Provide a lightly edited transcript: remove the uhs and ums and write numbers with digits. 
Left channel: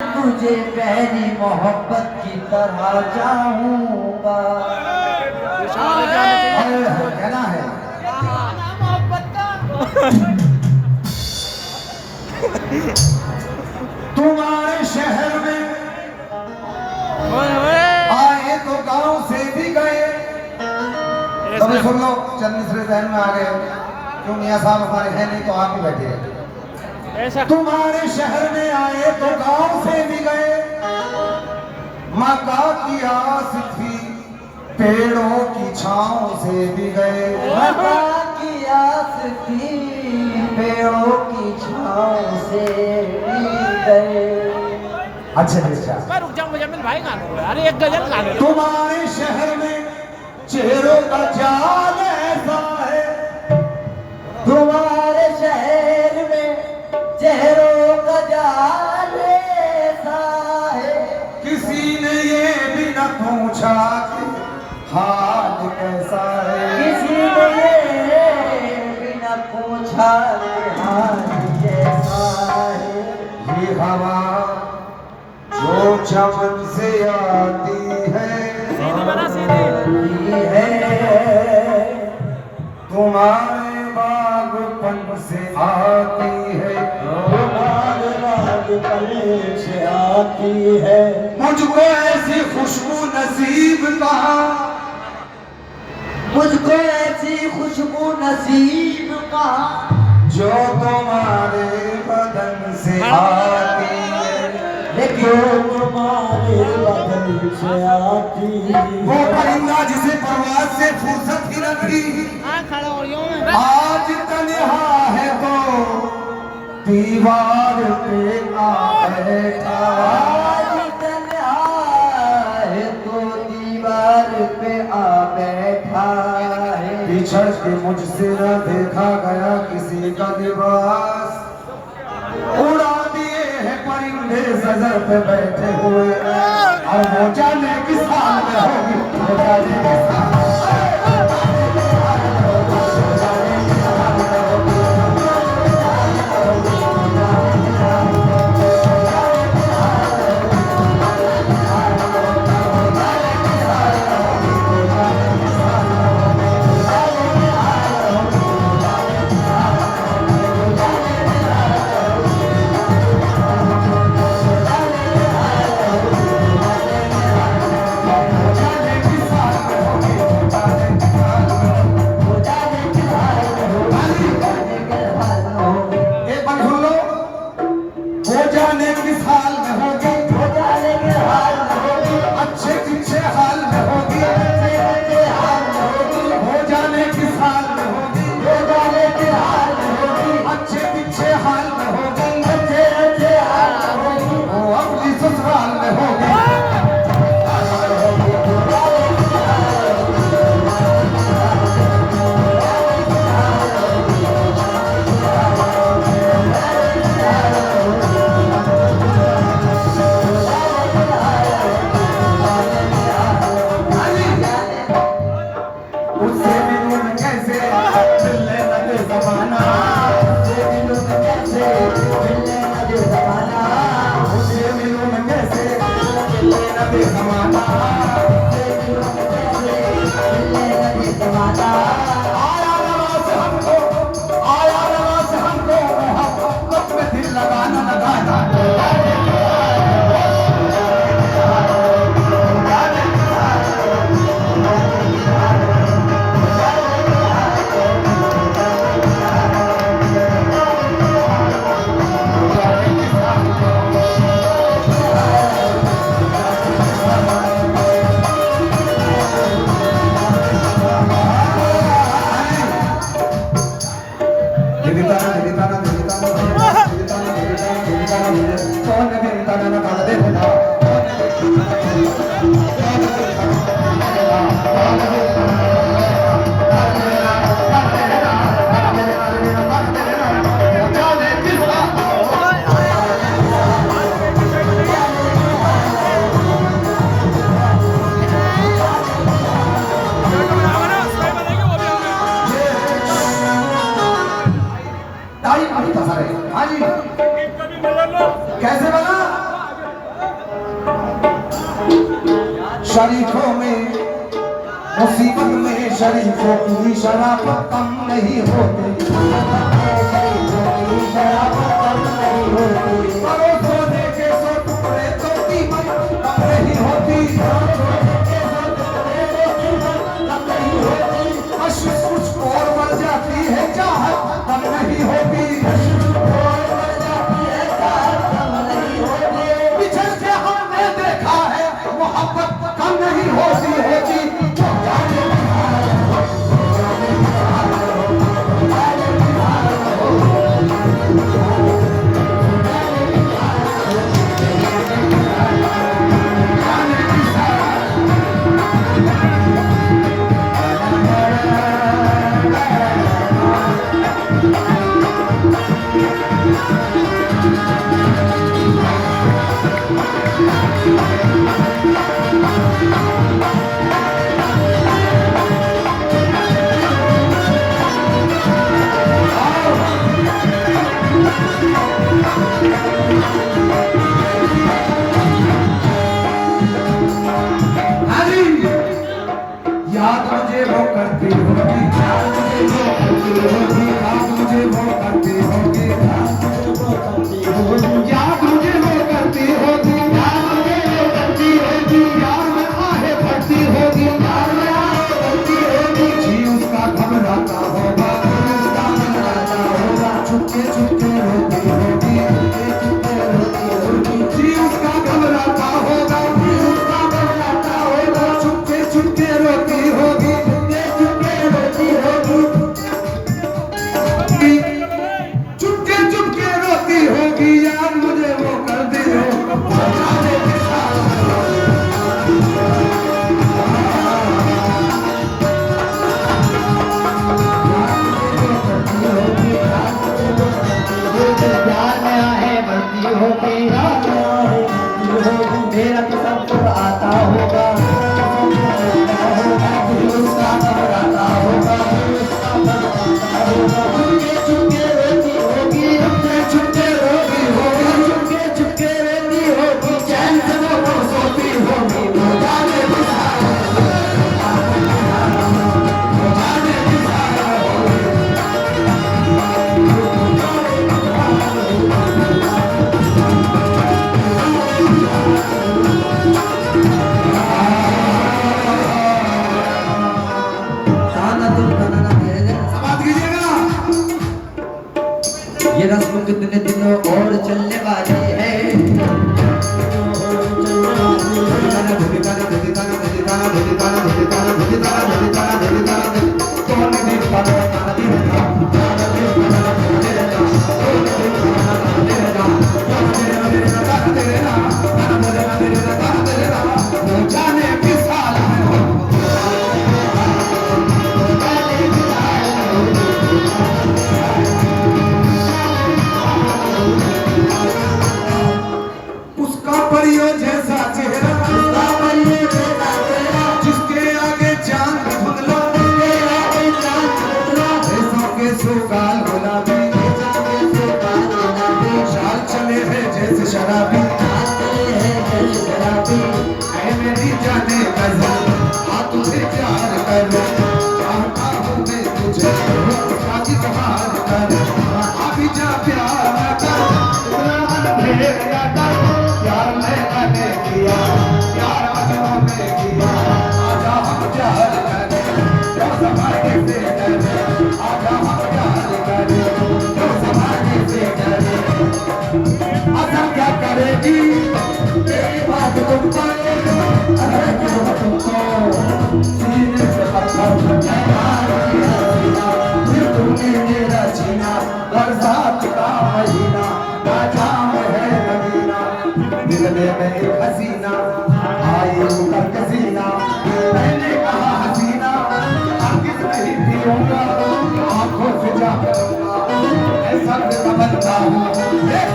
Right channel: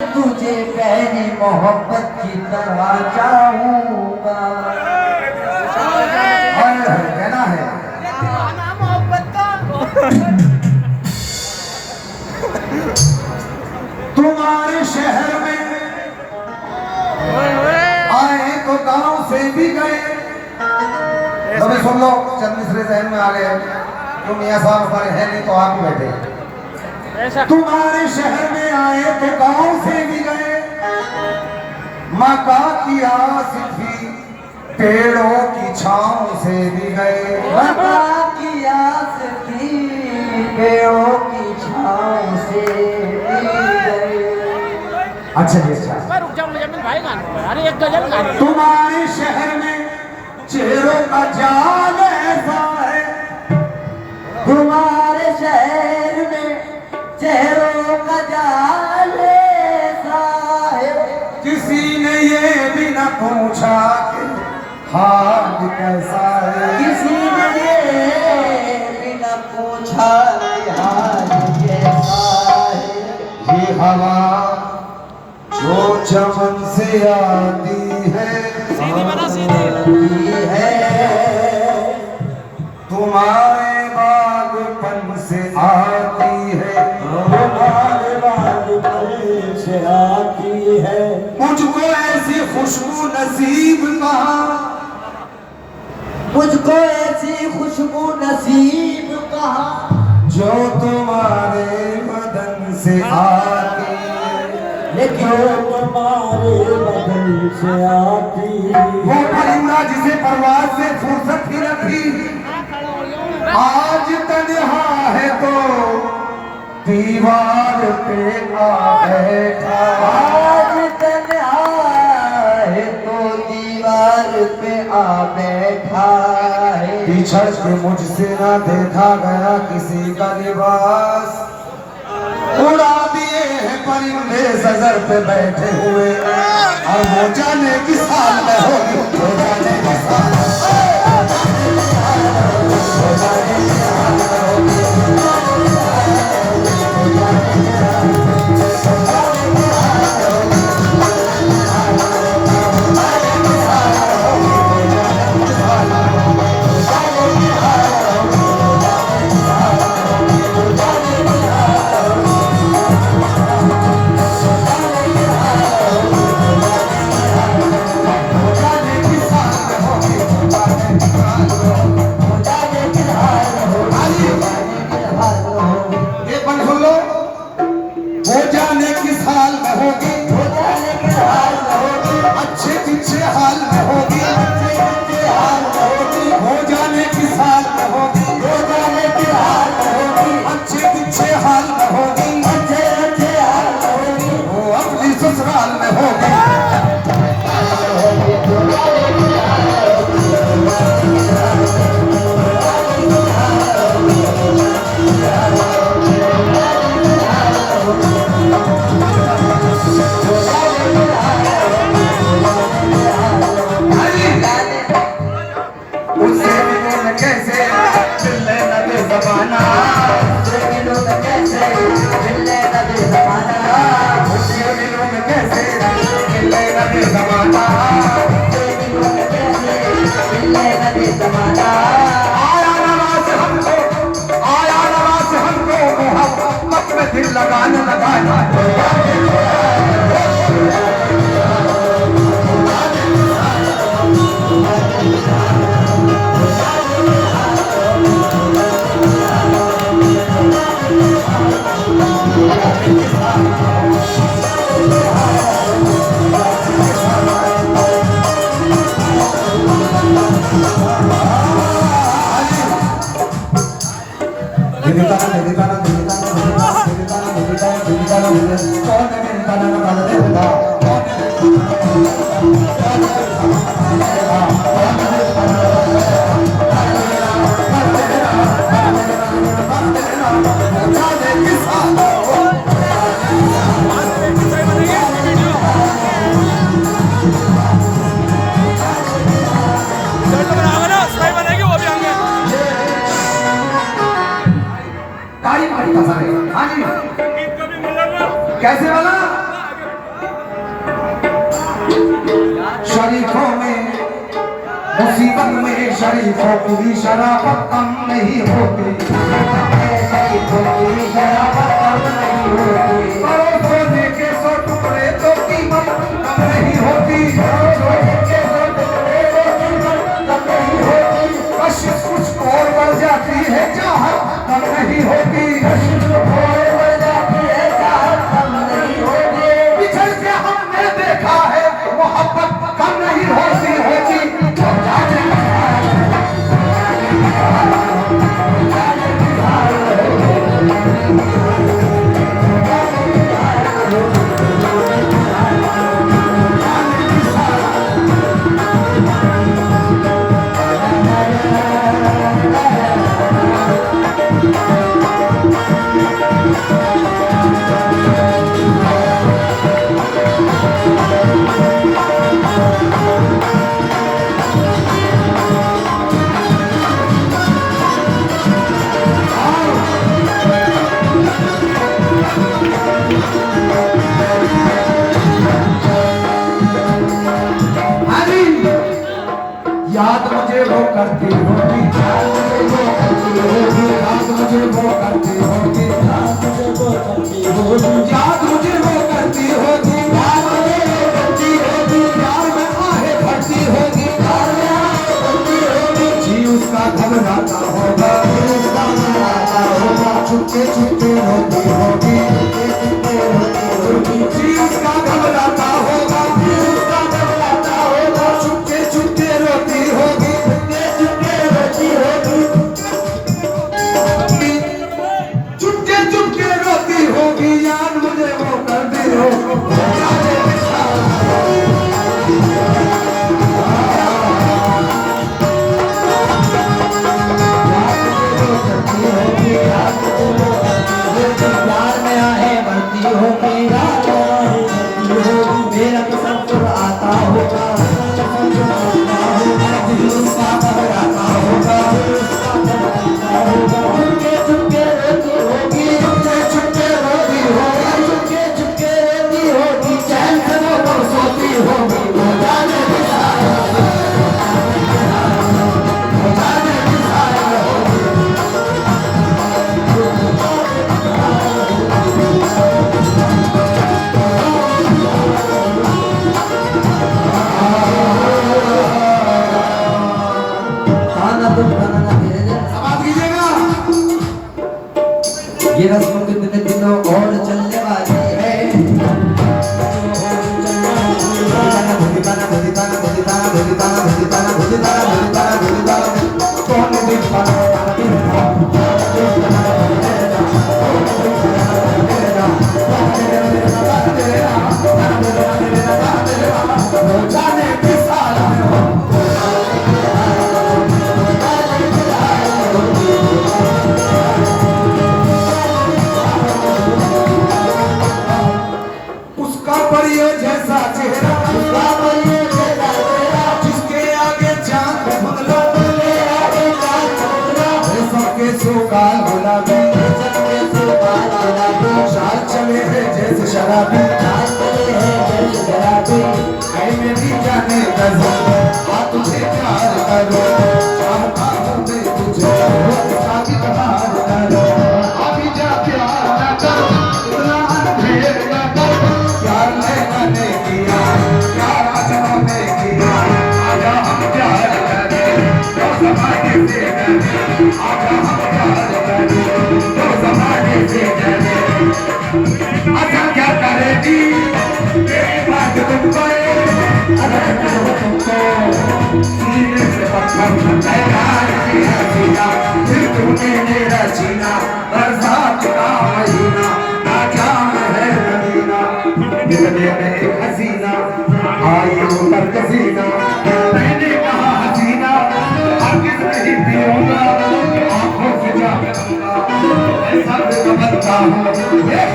तुझे पहली मोहब्बत की तरह चाहूंगा। कहना है तुम्हारे शहर में आए तो गांव से भी गए। तभी सुन लो, चंद मिसरे जहन में आ गए। तुम यहाँ साहब हमारे हैं नहीं तो आप ही बैठे। तुम्हारे शहर में आए तो गांव से भी गए। मक्का की आस थी, पेड़ों की छांव से भी गए। मक्का की आस थी, पेड़ों की छांव से भी गए। अच्छा जी, अच्छा। रुक जाओ, मुझे भाई गाना अरे एक गजल गाना। तुम्हारे शहर में चेहरों का जाल ऐसा है। तुम्हारे शहर में चेहरों का जाल ऐसा है। किसी ने ये भी न पूछा कि हाल कैसा है। किसी ने ये भी न पूछा कि हाल कैसा है। ये हवा जो चमन से आती है, सीधी बना सीधी। ये है तुम्हारे बागपन से आती है। तुम्हारे बागपन से आती है। मुझको ऐसी खुशबू नसीब कहाँ, मुझको ऐसी खुशबू नसीब कहाँ, जो तुम्हारे बदन से आती है। लेकिन तुम्हारे बदन से आती है। वो परिंदा जिसे परवाज से फुर्सत ही न थी, आज तन्हा है तो दीवार पे आ बैठा। आज तन्हा है तो दीवार पे आ बैठा है। बिछड़ के मुझसे ना देखा गया किसी का लिबास। उड़ा दिए हैं परिंदे सजर पे बैठे हुए, और वो जाने किस हाल में होगी, वो जाने किस हाल में। जाने किस हाल में होगी, उसी दम में शरीफों की शराफत कम नहीं होती, सोने के 100 टुकड़े तो कीमत कम नहीं होती, कशिश कुछ और बढ़ जाती है चाहत कम नहीं होती, बिछड़ के हमने देखा है मोहब्बत कम नहीं होती होती। याद मुझे वो करती होगी, याद मुझे वो करती होगी, याद मुझे वो करती होगी, याद मुझे वो करती होगी, याद मुझे वो करती होगी, याद मुझे वो करती होगी, यार में आहे भरती होगी, यार में आहे भरती होगी, जी उसका घबराता होगा, उसका घबराता होगा, चुपके चुपके रोती होगी, जी उसका घबराता होगा, उसका घबराता होगा, चुपके चुपके रोती होगी, चुपके रोती होगी, चुपके चुपके रोती होगी, याद मुझे वो करती होगी। प्यार में आहे भरती होगी, मेरा किस्म खुद आता होगा, उसका घबराता होगा, चुपके चुपके रोती होगी, चुपके रोती होगी, चुपके चुपके रोती होगी, चैन से वो सोती होगी, ये रस्म कितने दिनों और चलने वाली है, उसका परियों जैसा चेहरा, जिसके आगे चांद धुंधला, रेशम के सुगाल गुलाबी, चाल चले हैं जैसे शराबी, ऐ मेरी जाने गजल, हाँ तुझे प्यार करो, चाहता हूँ मैं तुझे, शादी बहार करो, अभी जा प्यार न कर, इतना अंधेर न कर, प्यार मैंने किया, प्यार अजनों ने किया, आजा हम प्यार करें, जो ज़माने से डरे, आजा हम प्यार करें, जो ज़माने से डरे, आजा क्या करेगी तेरी बात तुम करे, अरे तुमको सीने से पत्थर मैं यार किया सीना, फिर तूने मेरा जीना, बरसात का महीना, नाकाम है मदीना, दिलने में एक हसीना, आई उतर कसीना, मैंने कहा हसीना, हरगिज़ नहीं पियूंगा, आंखों से जा करूंगा, मैं सब समझता हूँ,